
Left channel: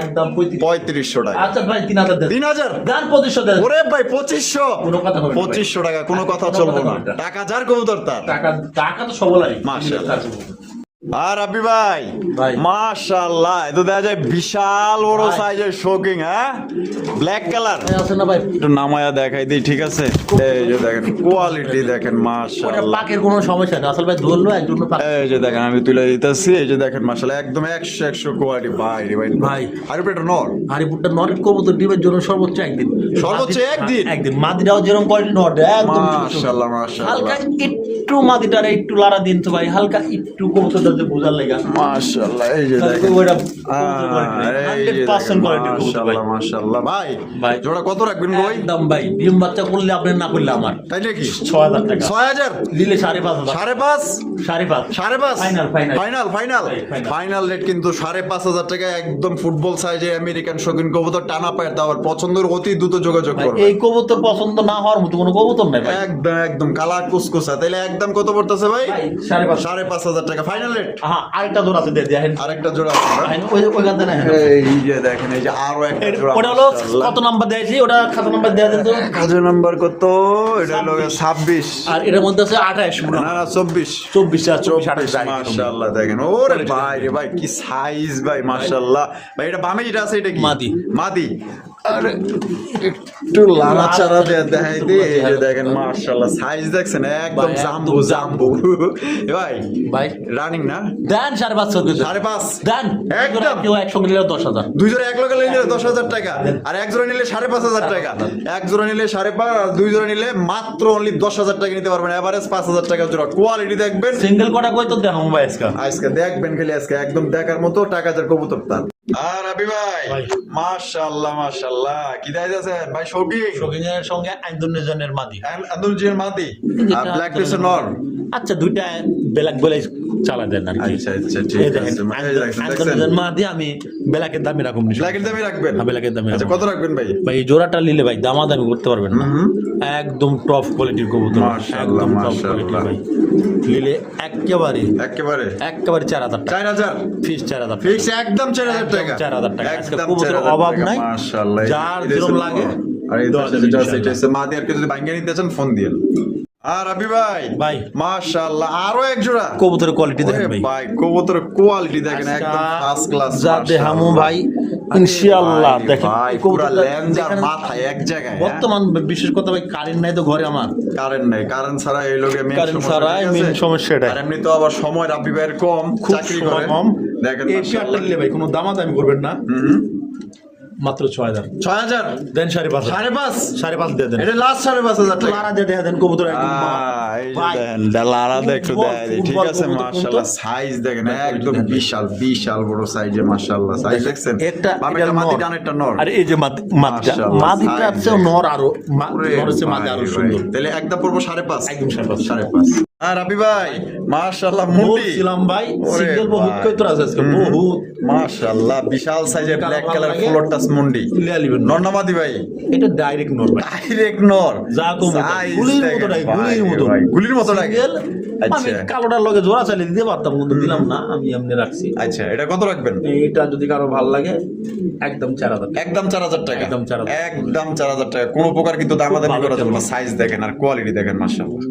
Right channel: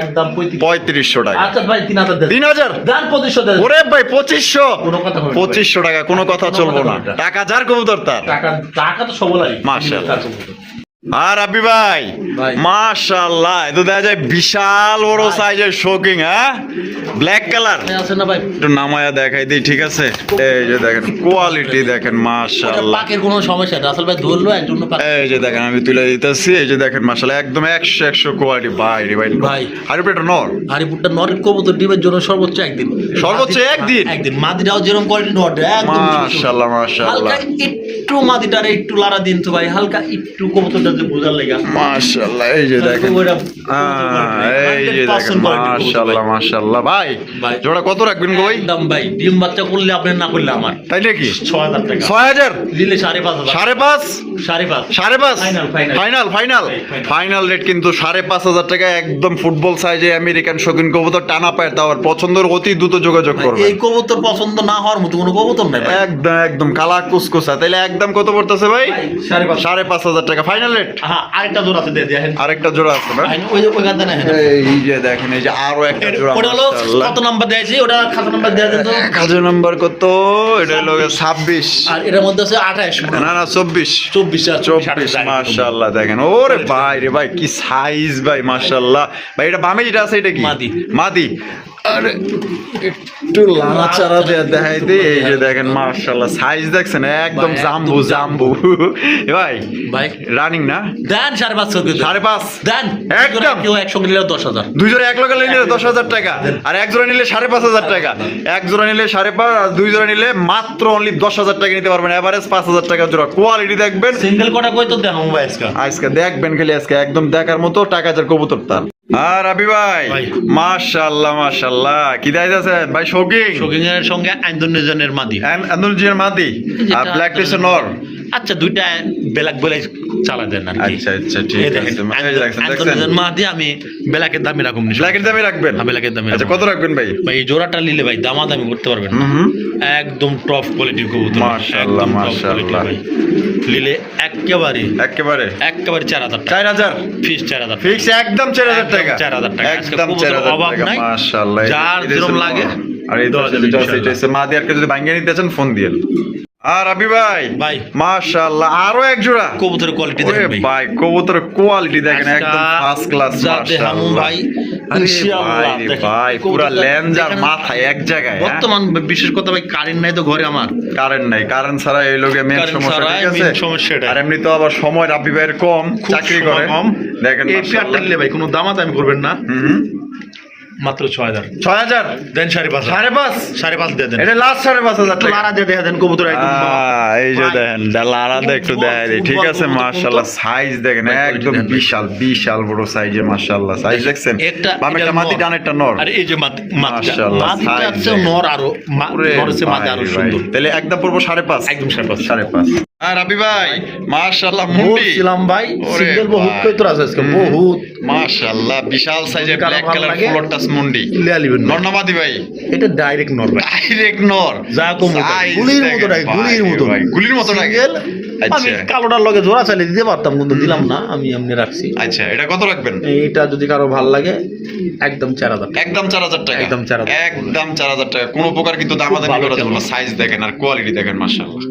একদম 3500 টাকা। আচ্ছা ভাই 3000 দেন, 3000 দেন 2500 দেন। ওরে ভাই 2500, কোনো কথা হবে না ভাই। 2500 টাকা কোনো কথা চলবো না, টাকা যার কবুতর তার। টাকা টাকা তো সবলাই মাশাআল্লাহ। আর আবি ভাই ভাই। মাশাআল্লাহ এত দেখা যায় বিশাল বড় ভাই। সাইজের শোকিং, হ্যাঁ ব্ল্যাক কালার। আছে না ভাই, একটু নামায়া দেখাই দিই, ঠিক আছে এই যে দেখেন কোয়ালিটি দেখেন মাশাআল্লাহ। পাকের কোনো সমস্যা না, আসলে ভাই ধরলো একজন পাক। এই যে দেখেন আমি তুলে দিতেছি, এই যে দেখেন মাশাআল্লাহ একদম 100 কোয়ালিটি ভাই রে ভাই। ভাই। আর এটা নর, হারিপুরটা নর কবুতর ডিমের জন্য সর্বোচ্চ একদিন, সর্বোচ্চ একদিন? একদিন মাদিটাও যেরকম কোয়ালিটি নর একদম মাশাআল্লাহ মাশাআল্লাহ হালকা একটু মাদিটারে একটু লাড়া দিন তো ভাই, হালকা একটু কবুতরটা যে বোঝার লাগা। মাশাআল্লাহ। এই যে দেখেন এই যে দেখেন 100% মাশাআল্লাহ মাশাআল্লাহ ভাই। ভাই। জোড়া কত রাখবেন গো ভাই? একদম ভাই ডিম বাচ্চা করলে আপনি না করলে আমার তাই নাকি 6000 টাকা 6000 দিলে 5.5 5.5 5.5 final final final Final। Final rate কিন্তু 5.5 টাকা, একদম ফুটবল সাইজে আমেরিকান শৌখিন কবুতর টানা পায়। তার পছন্দের অতি দ্রুত যোগাযোগ করবে। এই কবুতর পছন্দ না হওয়ার মতো কোনো কবুতর নাই ভাই। একদম একদম কালা কুসকুসা। তাহলে একদম কত পড়তেছে ভাই? ভাই, 5.5 5.5 টাকা ফাইনাল রেট। হ্যাঁ আরেকটা জোড়া আছে দিয়ে দেখেন, আরেকটা জোড়া আছে না? ওই ওই গান দেন এখানে। এই যে দেখেন এই যে আরো একটা জোড়া। ওটা হলো কত নাম্বার দিয়েছি, ওটা খাতা নাম্বার দেয়া দেন তো। কাজের নাম্বার কত? এটা হলো 26। আর এটার মধ্যে আছে 28 না না 24। 24 মাশাআল্লাহ দেখেন ওরে ভাই রে ভাই কি সাইজ ভাই মাশাআল্লাহ। ভাই এটা বামে যেটা আছে এটা কি? মাদি। মাদি। আরে একটু লাড়াচাড়া দিয়ে দেখাই দিই, এই যে দেখেন মাশাআল্লাহ সাইজ দেখছেন একদম ভাই, জাম্বু একদম জাম্বু। এ ভাই ভাই রানিং না? দেন 5.5 করে দেন। 5.5 দেন একদম। কেউ একসঙ্গে নিলে 10,000। দুই জোড়া এক লগে নিলে 10,000 টাকা, আর এক জোড়া নিলে 5.5 টাকা। এক জোড়া নিলে 5.5, দুই জোড়া নিলে মাত্র অনলি 10,000 টাকা নিতে পারবেন। এভারেজ 5,000 টাকা জোড়া। কোয়ালিটি দেখবেন সিঙ্গেল কটা কই তো দেন মোবাইল আজকে। আজকে দেখবেন খালি আজকে একদম দেখার মতো টাকা যার কবুতরটা। আর রাবি ভাই ভাই। মাশাআল্লাহ মাশাআল্লাহ কি দাইতাছেন ভাই শৌকিং শৌকিং এর সঙ্গে ইন্দোনেশিয়ানের মাদি। আন্দুলজিয়ার মাদি আর যেটা ব্ল্যাক টিসের নর। আচ্ছা দুইটা ব্ল্যাক বলে চালা দেন আর কি। আচ্ছা আচ্ছা ঠিক এই দেখেন আছে ইন্দোনেশিয়ান মাদি আমি ব্ল্যাকের দামে রাখুন নি। ব্ল্যাকের দামে রাখবেন? হ্যাঁ, ব্ল্যাকের দামে আচ্ছা রাখুন। কত রাখবেন ভাই? ভাই এই জোড়াটা নিলে ভাই দামাদামি করতে পারবেন না। একদম টপ কোয়ালিটির কবুতর, মাশাআল্লাহ, একদম টপ মাশাআল্লাহ। কোয়ালিটি ভাই। নিলে একেবারে একেবারে 4000 টাকা 4000 ফিক্স 4000 ফিক্স একদম 4000 টাকা 4000 টাকা। আজকে একদম কবুতরের 4000 অভাব টাকা, নাই। মাশাআল্লাহ। যার এটা যেরকম হচ্ছে লাগে নর। আর এই দেওয়া দশ যাবে এটা ইনশাআল্লাহ। হচ্ছে মাদি আর কেউ যদি ভাঙ্গিয়ে নিতে চান ফোন দিয়েন। আর রাবি ভাই ভাই। মাশাআল্লাহ আরো এক জোড়া কবুতরের কোয়ালিটি ওরে দেখেন ভাই। ভাই কবুতরের কোয়ালিটি দেখেন আজকা একদম ফার্স্ট ক্লাস যা দেখামু ভাই, ইনশাআল্লাহ দেখেন। ভাই এই পুরা কবুতরটা লেন্জার দেখেন। মাথা এক জায়গায় বর্তমান বিশেষ কথা ভাই কারেন্ট নাই তো ঘরে আমার। কারেন্ট নাই কারেন্ট ছাড়া এই লোকে মেন কারেন্ট সমস্যা ছাড়াই ঠিক main আছে? সমস্যা এটা। আর এমনি তো আবার সময় রাবি ভাইয়ের কম খুব চাকরি সময় করে কম। দেখেন এই পেয়ারটা নিলে ভাই কোনো দামাদামি করবেন না, মাত্র 6000 6000 দেন 5.5 5.5 দিয়ে দেন। এটা লাস্ট 5.5 একটু লারা দিয়ে দেখা দেন কবুতর একদম এই যে ভাই, দেখেন লারা একটু ফুটবল, দেখাই দিই ঠিক ফুটবল আছে কবুতর, মাশাআল্লাহ কবুতর। সাইজ দেখেন ভাই, quality একদম দেখেন ভাই। বিশাল বিশাল বড় সাইজের মাশাআল্লাহ সাইজ দেখছেন একটা বামেরটা মাদি ডানেরটা নর আর এই যে মাদিটা মাশাআল্লাহ, মাদিটা size হচ্ছে দেখেন। নর আরো নর হচ্ছে মাদি আরো সুন্দর। তাহলে একদম পড়বো 5.5 একদম 5.5 5.5 আর রাবি ভাই মাশাআল্লাহ মুন্ডি ছিলাম ভাই ওরে সিঙ্গেল বহুত ভাই। কইতো আছে আজকে বহুত মাশাআল্লাহ বিশাল সাইজের কালো ব্ল্যাক ভালো কালার লাগে। ফ্লোর টাচ মুন্ডি লিয়া লিবেন না। নরনামাদি ভাই এটা ডাইরেক্ট নর ভাই, ডাইরেক্ট নর যা কম Size গুলির দেখেন মতো নাই, ভাই, গুলির মতো ভাই, গুলির মতো নাকি? Single, আমি আচ্ছা। কালোটার লগে জোড়া চালিয়ে দিতে পারতাম কিন্তু দিলাম না, আমি এমনি রাখছি। আচ্ছা এটা কত রাখবেন? এটা যদি কারো ভালো লাগে একদম 4000 টাকা। একদম 4000 টাকা একদম 4000 একদম 4000 টাকা কোনো প্রকার কিন্তু দামাদামি ভালো করা যাবে না চলবে। সাইজ দেখেন আর কোয়ালিটি দেখেন মাশাআল্লাহ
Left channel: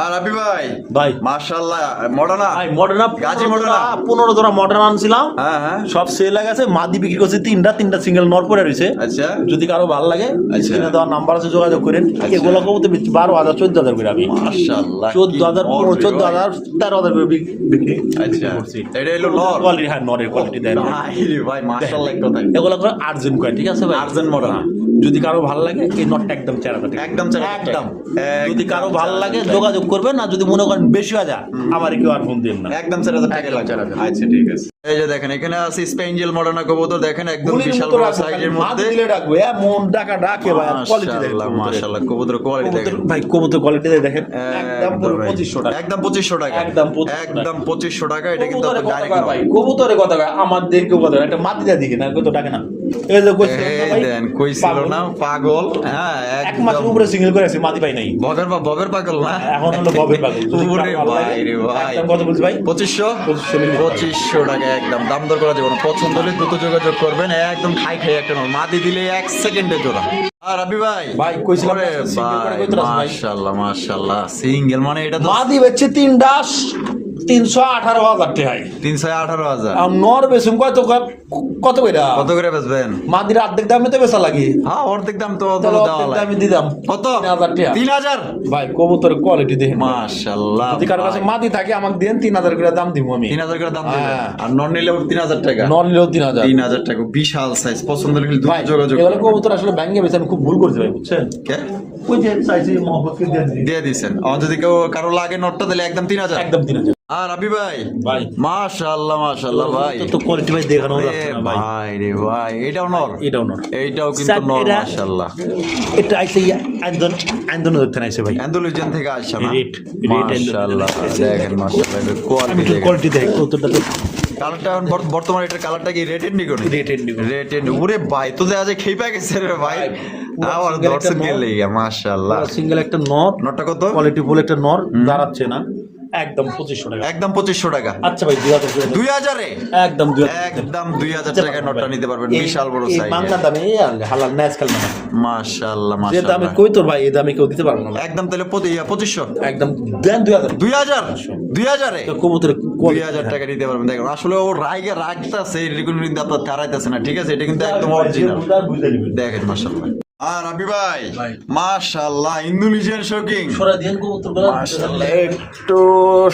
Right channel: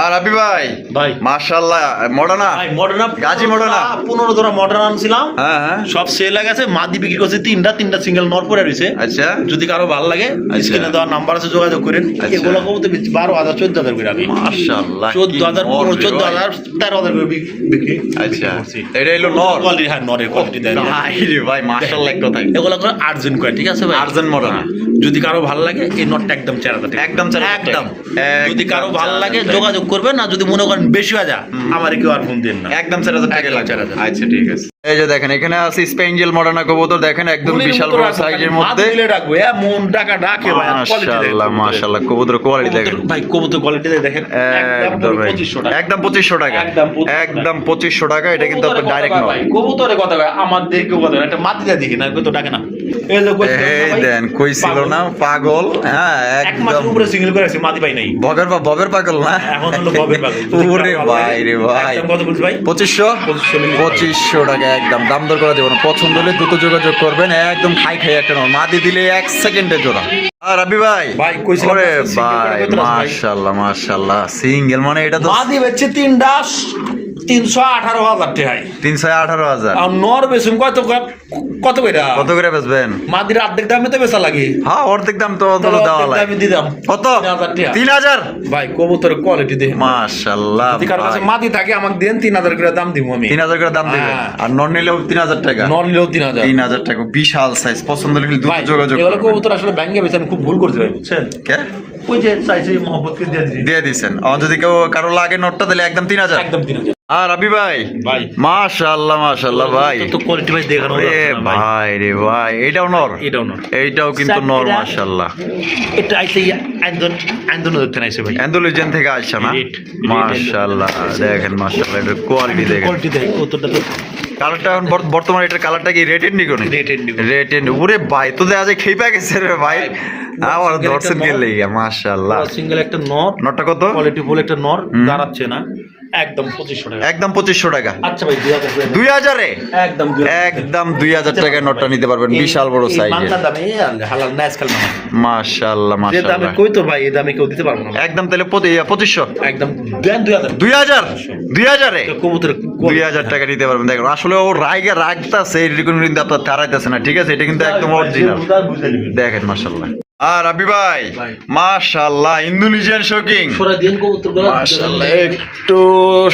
আর রাবি ভাই ভাই মাশাআল্লাহ মডার্না ভাই মডার্ন গাজী মডার্না 15 জোড়া মডার্ন আনছিলাম, হ্যাঁ হ্যাঁ সব সেল হয়ে গেছে, মাদি বিক্রি করছে তিনটা সিঙ্গেল নর পরে রইছে। আচ্ছা যদি কারো ভালো লাগে আচ্ছা। স্ক্রিনে দেওয়া নাম্বার আছে যোগাযোগ করেন। আচ্ছা। এগুলো কমতে 12000 14000 করে আমি মাশাআল্লাহ 14000 14000 13000 করে বিক্রি আচ্ছা এটা হলো নর কোয়ালিটি, হ্যাঁ নরের কোয়ালিটি দেয়। ভাই রে ভাই মাশাআল্লাহ এক কথাই এগুলো করে আর্জেন্ট করে, ঠিক আছে ভাই আর্জেন্ট মডেল যদি কারো ভালো লাগে এই নটটা একদম 4000 টাকা একদম 4000 টাকা। একদম। যদি একদম কারো ভালো 4000 লাগে টাকা। যোগাযোগ করবেন, না যদি মনে করেন বেশি হয়ে যায় আমার কেউ আর ফোন দেন না। একদম 4000 টাকা একদম লাগবে 4000 আচ্ছা ঠিক আছে এই যে দেখেন এখানে আছে স্পেঞ্জেল মডার্না কবুতর দেখেন একদম গুলির বিশাল মতো বড় রাখবো, সাইজের খালি মধ্যে মাথা দিলে রাখবো, এমন টাকা ডাকে ভাই, আর quality দেখেন মাশাআল্লাহ কবুতরের। মাশাআল্লাহ কবুতর কোয়ালিটি দেখেন কবুতর ভাই কবুতর কোয়ালিটি দেখেন একদম পুরো 2500 টাকা। একদম 2500 টাকা একদম 2500 একদম 2500 টাকা এটা কিন্তু আপনার ডাইরেক্ট নয় কবুতরের কথা ভাই আমাদের কেউ কথা একটা মাটিটা দেখি না কত ডাকে না। এই যে কইছিলাম না এই ভাই, দেন কইছিল পাগল। না পাগল হ্যাঁ এক মাসের একদম উপরে সিঙ্গেল করে আছে মাটি পাই নাই, ববের পাগল না এখন হলো ববের পাগল। যদি ওরে কারো ভালো লাগে, ভাই রে ভাই একদম কত বলছি ভাই 2500 2500 টাকা একদম দাম দর করা যাবে না পছন্দ হলে দ্রুত যোগাযোগ করবেন একদম খাই একটা নয় মাদি দিলে 1 সেকেন্ডে জোড়া আর রাবি ভাই ভাই, কইছিলাম ওরে না, single করে ভাই কইতে রাস ভাই। মাশাআল্লাহ মাশাআল্লাহ সিঙ্গেল মানে এটা তো মাদি বেচছে 318,000 টাকায় 318,000 আর নর বেচুম কত কত কইরা কত করে বেচবেন মাদির অর্ধেক দামে তো বেচা লাগে, হ্যাঁ অর্ধেক দাম তো তাহলে দেওয়া অর্ধেক লাগে দামে দিতাম কত 3,000 টাকা। 3000 ভাই কবুতরের কোয়ালিটি দেখেন মাশাআল্লাহ যদি কারো কাছে মাদি থাকে আমাকে দেন 3000 করে দাম দিব আমি। 3000 করে দাম দিবেন হ্যাঁ। আর নন নিলেও 3000 টাকা নর নিলেও 3000। 3000 টাকা বিশাল সাইজ পছন্দ হলে দ্রুত ভাই যোগাযোগ এগুলো করবেন কবুতর আসলে ব্যাংকে বেচে আমি খুব ভুল করছি ভাই, বুঝছেন? কে ওই যে চাইছে মহব্বতকে দিয়ে দিছি দিয়ে দিছেন আর যদি কেউ কারো লাগে নোটটা তাহলে একদম 3000 একদম 3000। আর রাবি ভাই ভাই মাশাআল্লাহ মাশাআল্লাহ ভাই তো কোয়ালিটি ভাই দেখানো রে যাচ্ছে না ভাই, ভাই রে ভাই এটাও নর এটাও না, এইটাও কিন্তু নর এটা- মাশাআল্লাহ এটা আইছে আন্দোলন ধরতে নাইছে ভাই, অ্যান্ডোলজিয়ান থেকে আসছে না Red, মাশাআল্লাহ দেখেন মাশাআল্লাহ এর কোয়ালিটি দেখেন কোয়ালিটি দেখ কতটা তো কালারটা এখন বর্তমানে এটার কালারটা কি রেড এন্ড নিকোনি রেট এন্ড রেড এন্ড ওরে ভাই তো দেখা যায় খেপা গেছে রে ভাই আমার single দর্শক একটা গেলে মাশাআল্লাহ সিঙ্গেল একটা নর, নটটা কত কোয়ালিটি ফুল একটা নর দাঁড়াচ্ছে না, একদম 2500 টাকা। একদম 2500 টাকা আচ্ছা ভাই 2000 করে দেন। 2000 এ একদম 2000 একদম 2000 টাকায় নটটা নিতে পারবেন বিশাল বড় এই সাইজ বাংলা দামে হালাল নাইস কাল না মাশাআল্লাহ যে দামে মাশাআল্লাহ কই তোর ভাই এই দামে কেউ দিতে পারবো না একদম তাহলে 2500 একদম দেন 2000 2000 এ কবুতর 2000 টাকা নিতে পারবেন দেখুন আসলে ও রাগতাছে এরকম কিন্তু আপনার তারাইতেছে না ঠিক আছে এটা কিন্তু একদম অরিজিনাল বুঝে নেবেন। দেখেন মাশাআল্লাহ আর রাবি ভাই ভাই। মাশাআল্লাহ ইন্দোনেশিয়ান শোকিং সরা দিন কবুতরগুলো মাশাআল্লাহ একটু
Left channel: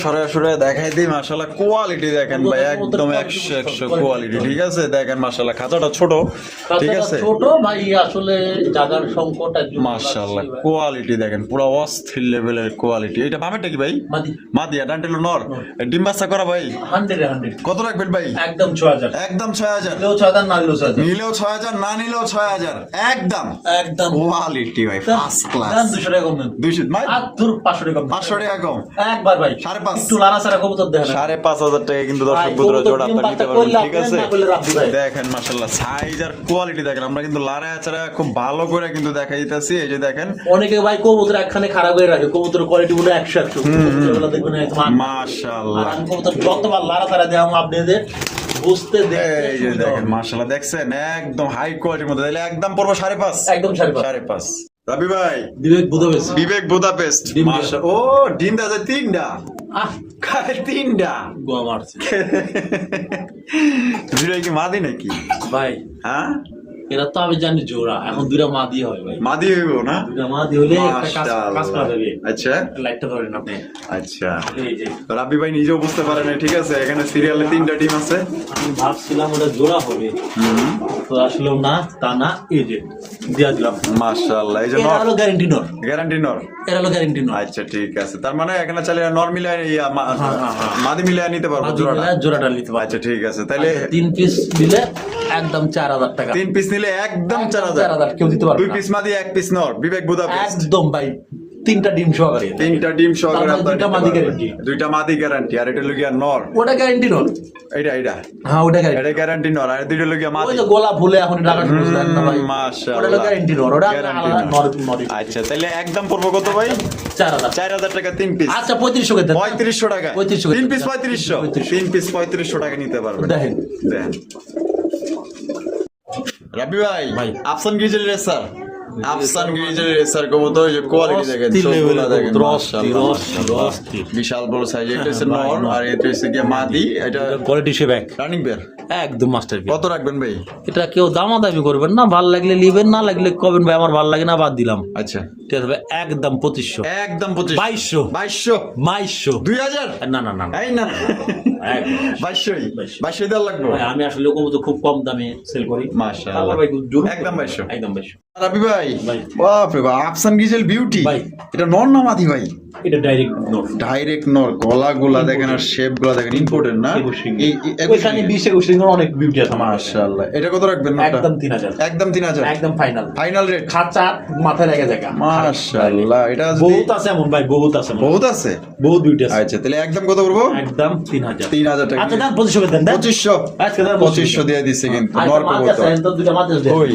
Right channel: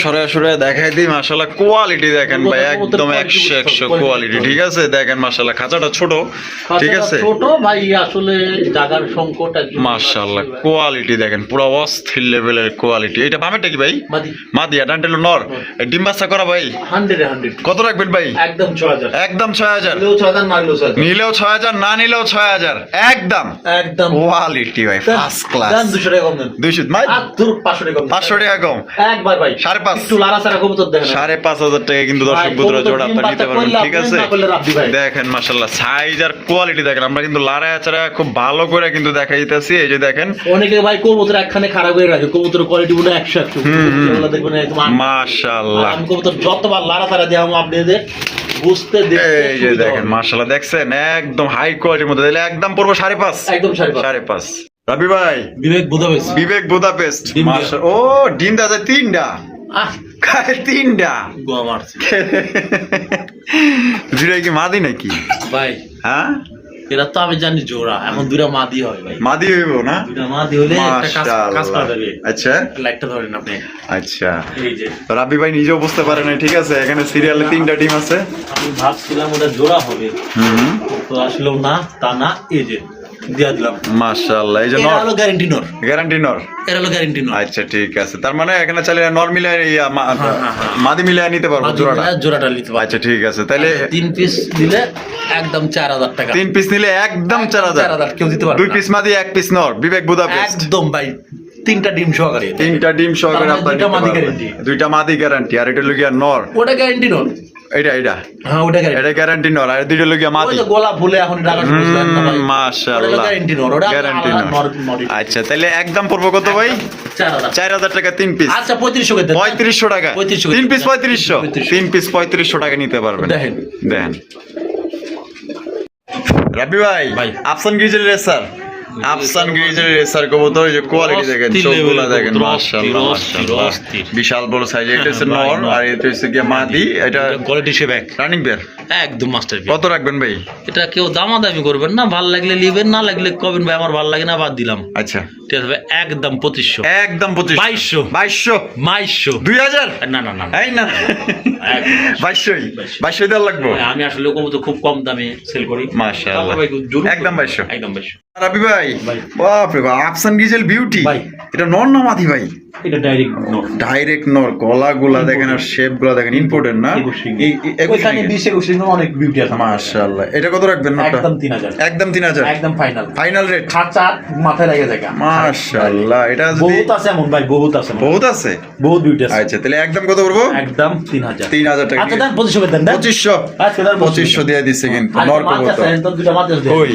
সরে দেখাই দিই মাশাআল্লাহ কোয়ালিটি দেখেন ভাই একদম 100 কোয়ালিটি ঠিক আছে দেখেন মাশাআল্লাহ খাঁচাটা ছোট ঠিক আছে ছোট ভাই আসলে জায়গার সংকট একদম মাশাআল্লাহ কোয়ালিটি দেখেন পুরো অস্থির লেভেলের কোয়ালিটি এটা বামেরটা কি ভাই মাদি মাদিয়া ডান্টেল নর ডিম বাচ্চা করা ভাই 100 কত রাখবেন ভাই একদম 6000 একদম 6000 নিলেও 6000 না নিলেও 6000 নিলেও 6000 না নিলেও 6000 একদম একদম কোয়ালিটি ভাই ফার্স্ট ক্লাস দেন 200 টাকা কম দেন 200 মাই আর তোর 500 টাকা কম 500 টাকা কম একবার ভাই 5.5 একটু লালা সারা কবুতর দেখেন 5,500 টাকা কিন্তু দর্শক বন্ধুরা জোড়া আপনারা নিতে পারবেন ঠিক আছে না করলে রাখবি ভাই দেখেন মাশাআল্লাহ সাইজ আর কোয়ালিটি দেখেন আমরা কিন্তু লাড়ায় আছাড়া খুব ভালো করে কিন্তু দেখাই দিতেছি এই যে দেখেন অনেকে ভাই কবুতর একখানে খারাপ করে রাখে কবুতর কোয়ালিটি গুলো 100 এগুলো দেখবেন একদম মাশাআল্লাহ আমি কবুতর যতবার লাড়া সারা দেওয়া আপনাদের বুঝতে দেখতে এই যে দেখেন মাশাআল্লাহ দেখছেন একদম হাই কোয়ালিটির মধ্যে দিলে একদম পড়বো 5.5 একদম 5.5 5.5 রাবি ভাই বিবেক বুঝাবেস বিবেক বুদাপেস্ট ডিম দিয়া। মাশাআল্লাহ ও ডিম দাদা তিনটা আহ খায় তিনটা গোয়া মারছি দুটাই কি মাদি নাকি ভাই হ্যাঁ এরা তো আমি জানি জোড়া এখন দুইটা মাদি হয় ভাই মাদি হইব না দুইটা মাদি হলে একটা কাজ কাজ করা যাবে আচ্ছা লাইটটা ধরেন আপনি আচ্ছা এই যে তো রাব্বি ভাই নিজেও বুঝতে পারেন না, ঠিক আছে এখানে সিরিয়ালে তিনটা টিম আছে আমি ভাবছিলাম ওটা জোড়া হবে তো আসলেও না তা না এই যে দিয়া দিলাম মাশাআল্লাহ এই যে এটা হলো গ্যারান্টি নর গ্যারান্টি নর এটা হলো গ্যারান্টি নর আচ্ছা ঠিক আছে তার মানে এখানে চাইলে নর মিলে হ্যাঁ। মাদি মিলে নিতে পারবো মাদি জোড়াটা মিলায় জোড়াটা নিতে পারবে আচ্ছা ঠিক আছে তাহলে 3 পিস দিলে একদম 4000 টাকা 3 পিস নিলে একদম 4000 4000 কেউ দিতে পারবে 2 পিস মাদি 1 পিস নর বিবেক বুদাপেস্ট একদম ভাই তিনটা ডিম সহকারে তিনটা ডিম সহকারে তার মানে আপনার দুইটা নিতে মাদি পারবেন। guarantee। দুইটা মাদি গ্যারান্টি আর এটা লগিয়া নর ওটা গ্যারান্টি নর এটা হ্যাঁ ওটা গ্যারান্টি এটা গ্যারান্টি নর আর দুইটা লগিয়া ওই মাদি যে গোলা ফুলে এখন টাকা বুঝলেন না ভাই ওটা হলো মাশাআল্লাহ গ্যারান্টি নর ওটা গ্যারান্টি নর নর আচ্ছা তাহলে একদম পড়বো কত ভাই 4000 4000 টাকা 3 পিস আচ্ছা 3500 করে দেন 3500 টাকা 3500 3 পিস 3500 3 পিস 3500 টাকা নিতে পারবেন দেখেন। দেখেন রাবি ভাই ভাই। আফসান গিজের রেসার আফসান গিজের রেসার কবুতর এই যে কোয়ালিটি দেখেন অস্থির চোখগুলো level দেখেন কবুতর, মাশাআল্লাহ অস্থির, মাশাআল্লাহ অস্থির। বিশাল বড় সাইজ এটা হচ্ছে ভাই, নর নর। আর এটা হচ্ছে কি মাদি এটা কোয়ালিটি সে ব্যাগ রানিং বের একদম মাস্টার কত রাখবেন ভাই এটা কেউ দামাদামি করবেন না ভাল লাগলে নিবেন না লাগলে কবেন ভাই আমার ভাল লাগে না বাদ দিলাম আচ্ছা ঠিক আছে ভাই একদম 2500 একদম 2500 2200 2200 2200 2000 না না না না। এই না 2200 2200 দেওয়া লাগবে ভাই, আমি আসলে কবুতর খুব কম দামে সেল করি মাশাআল্লাহ। তারপর ভাই জরুর একদম 2200 একদম 2200 রাবি ভাই ভাই। বাপরে বাপ আফসান গিজেল বিউটি ভাই। এটা নর না মাদি ভাই এটা ডাইরেক্ট নোট ডাইরেক্ট নর গলাগুলা দেখেন আর শেপ গুলা দেখেন ইম্পর্টেন্ট না ওইখানে 20 21 অনেক বিউটি আছে মাশাআল্লাহ এটা কত রাখবেন নরটা একদম 3000 একদম 3000 একদম ফাইনাল ফাইনাল রেট খাঁচা মাথায় লাগে জায়গা মাশাআল্লাহ এটা যদি বহুত আছে এমন ভাই বহুত আছে এমন। বহুত আছে বহুত বিউটি আছে আচ্ছা তাহলে একদম কত পড়বো একদম 3000 3000 টাকা আচ্ছা দেন 2500 দেন দেন 2500 আচ্ছা দেন 2500 দিয়ে দিচ্ছে কিন্তু নর কবুতর তো দুটো মাছ আছে ওই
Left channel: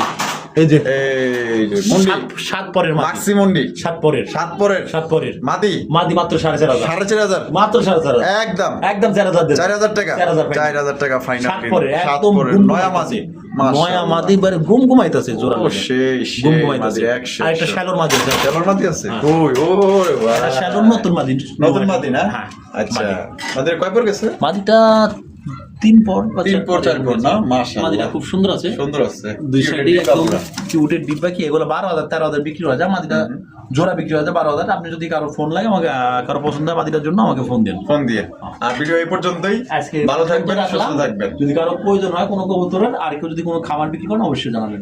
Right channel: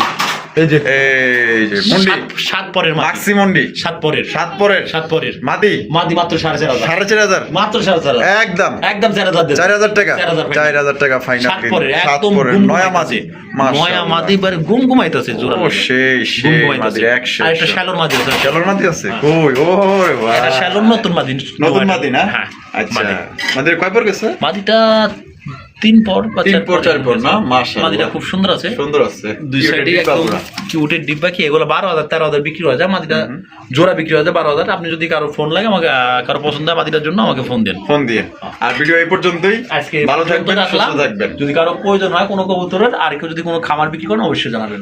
এই যে এই যে মুন্ডি সাত পরের মাছ মাক্সি মুন্ডি সাত পরের 7 পরের সাত পরের মাদি মাদি মাত্র 4500 4500 মাত্র 4500 একদম একদম 4000 দেন 4000 টাকা 4000 টাকা ফাইনাল সাত পরের সাত একদম পরের নয়া মাদি নয়া মাদি বারে ঘুমাইতেছে জোড়া ও সেই ঘুম সেই ঘুমাইতেছে মাদি আর 100 একটা শ্যালোর মাদি আছে চলর মাদি আছে কই ও রে বাহ এটা শ্যালোর নতুন মাদি নতুন মাদি না হ্যাঁ আচ্ছা মাদি। মাদির কয় পর গেছে মাদিটা 3 পর বা 3 পর 4 পর না মাশাআল্লাহ মাদিটা খুব সুন্দর আছে সুন্দর আছে দুই সাইডে একদম কিউটের ডিব্বা কি এগুলো 12000 13000 বিক্রি হয়ে যায় মাদিটা জোড়া বিক্রি হয়ে যায় 12000 আপনি যদি কারো ফোন লাগে আমাকে কারো পছন্দ হয় মাদিটার জন্য আমাকে ফোন দেন ফোন দিয়ে আর ভিডিও এই পর্যন্তই আজকে ভালো থাকবেন রাখলাম সুস্থ থাকবেন যদি কারো প্রয়োজন হয় কোনো কবুতরের আর কেউ যদি কোনো খামার বিক্রি করেন অবশ্যই জানাবেন